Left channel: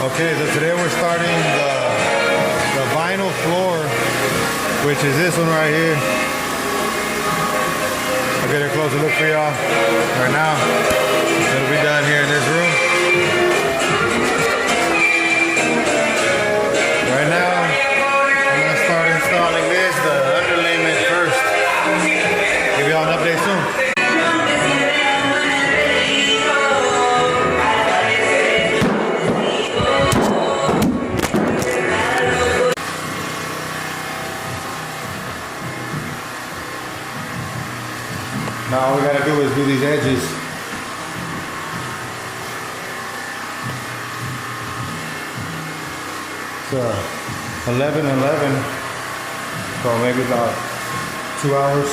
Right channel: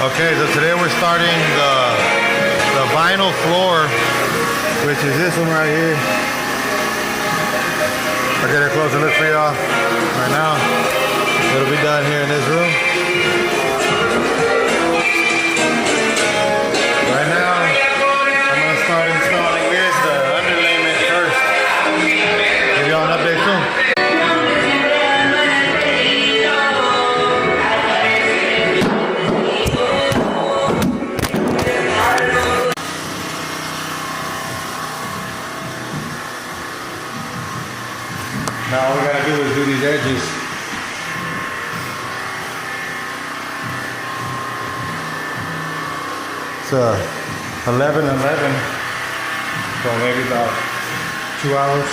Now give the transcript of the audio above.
Okay, so today we're starting the vinyl floor, which is this one right here. I'll get a closer look for y'all right now. It'll be done here in this room. Right now, I'm gonna start installing this, the underlayment first. Give y'all an update soon. Now all we gotta do is do these edges. It's 11:11, so maybe about 2 hours.